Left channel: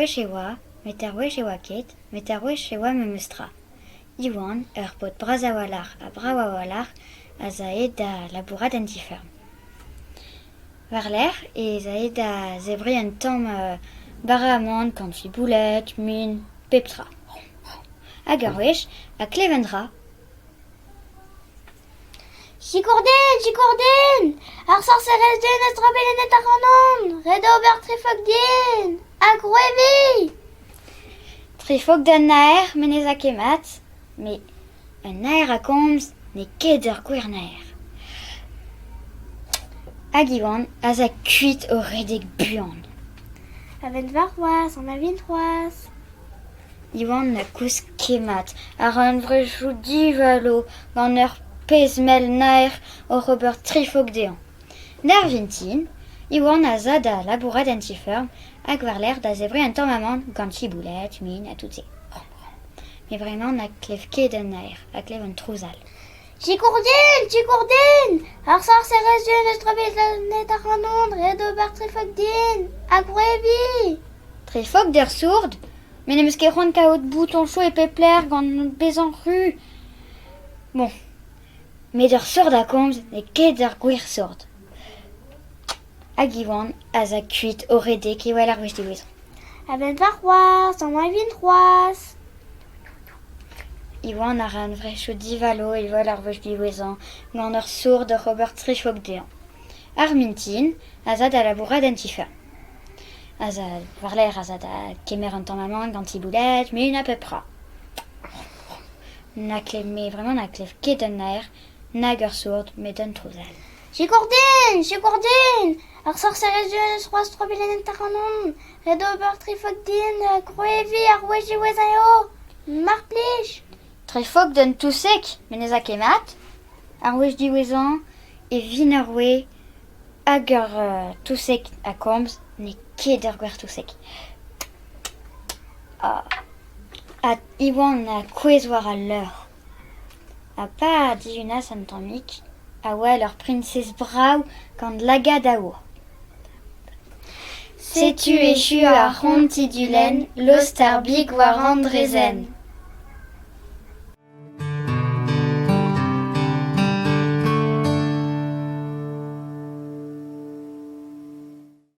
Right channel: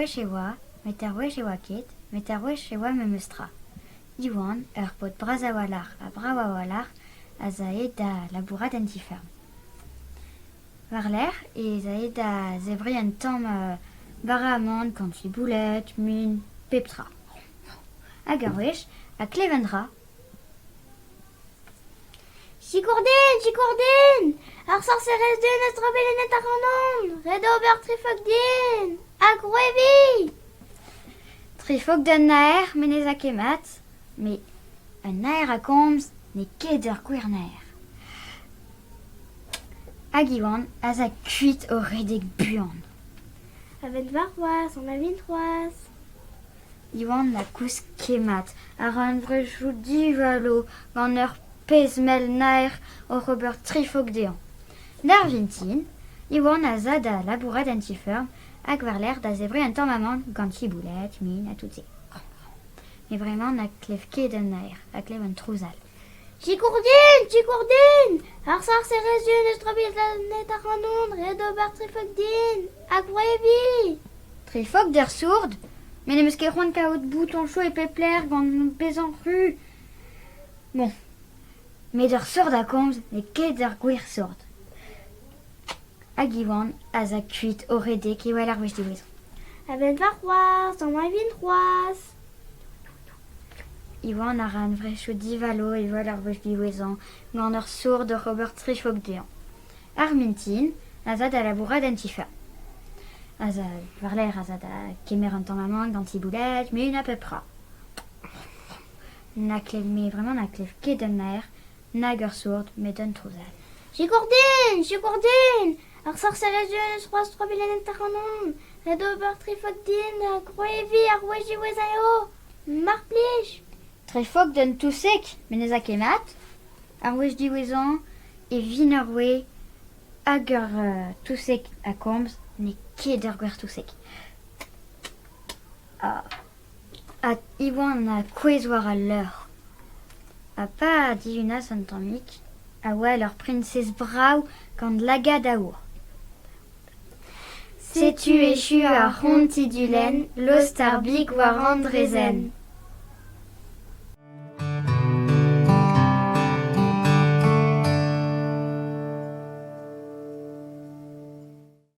wechewa, ket, wechewa memustra. Iwan, pot brazawalar a brawawalar, a zaed da labourat an tiferm. War l'air, e zaed da zebri un tamm bara amant kanti boulet, min, peptra. Hag ar wech, a klevendra. Chikourden, ar sorcerez den eus drobelenet ar anon, red ober trifog dien, hag roevi. Trifog d'an naer, menez a kemat, me un naer a komz, ne ket ur gwer naer. Hag iwan, a za kuit o redek buan. Avet var c'hoaz, an avin c'hoaz. Iwan na kous kemat, ar an vrejou divalo gant ur pezmel naer o ober trifog dean. Nar vintin, Iwan a za da labourat an tiferm, hag war l'air da zebri un tamm amant gant boulet, min, a tout se. Me vremañ na klev ket an naer, a klev an trouzal. Chikourden, ar sorcerez den eus drobelenet ar anon, red ober trifog dien, hag roevi. Trifog d'ur sourd, men em eus ket c'hoant kaout bouton chou e pepler gant bezan ru. Bon, met ur sourd a komz, ne ket ur gwir sourd. Hag iwan a za kuit o redek e wel ar wech diwezan. Avet var c'hoaz, an avin c'hoaz. Iwan ar an vrejou divalo e wel ar wech diwezan gant ur sourd o ober trifog dean. Ar mintin, a za da labourat an tiferm. A za war l'air a za da kemer un tamm amant gant boulet, min, a pepra. Na klev ket an naer, nag ur sourd, met un trouzal. Chikourden, ar sorcerez den eus c'hoaz drobelenet ar anon, red ober trifog dien, hag roevi ar wech diwezan eo, mar plij. Trifog d'un tousek, menez a kemat, ar wech diwezan e vin ar we hag ur tousek a komz, ne ket ur gwer tousek. A Iwan a kouez war al leur. A pa diunas an tammik, a wel ur princes brav gant lagad a our. Setu echu ar c'hont tidulen, lost ar big war an drezen.